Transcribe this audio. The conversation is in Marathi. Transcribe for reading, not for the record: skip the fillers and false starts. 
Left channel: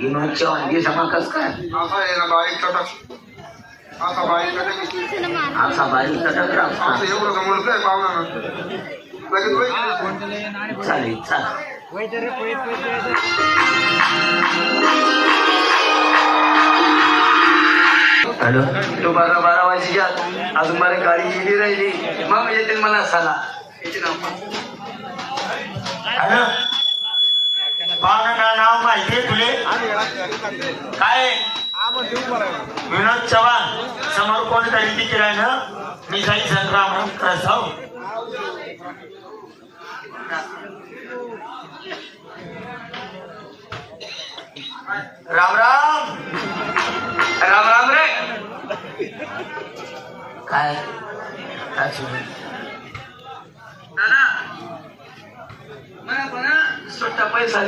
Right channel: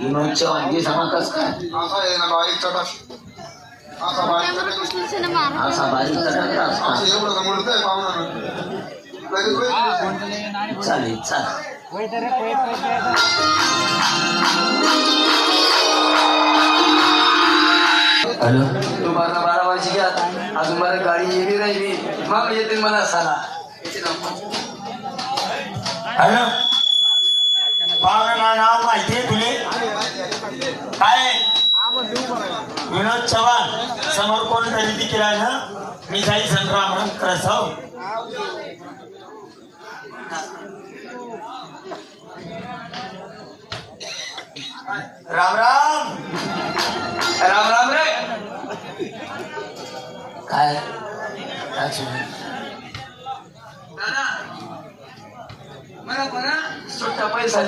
विनोद चव्हाण हे सांगा कस काय असा आहे ना बाईक चटक असा बाईक चटक असा बारीक चटक असं एवढं तर म्हणतोय पाहुणा लगेच होईल. चालेल चालेल हॅलो तू 12 वाजची घ्या अजून मला गाडी येली राहिली मग येते मला साला हॅलो पाहुणा नाव माहितीये तुले काय विनोद चव्हाण समोर कोणीतरी तिकीट आहे ना मी जाई संग्राम करायचं राम राम राम राम रे काय दादा मला बघा सुट्टा पैसा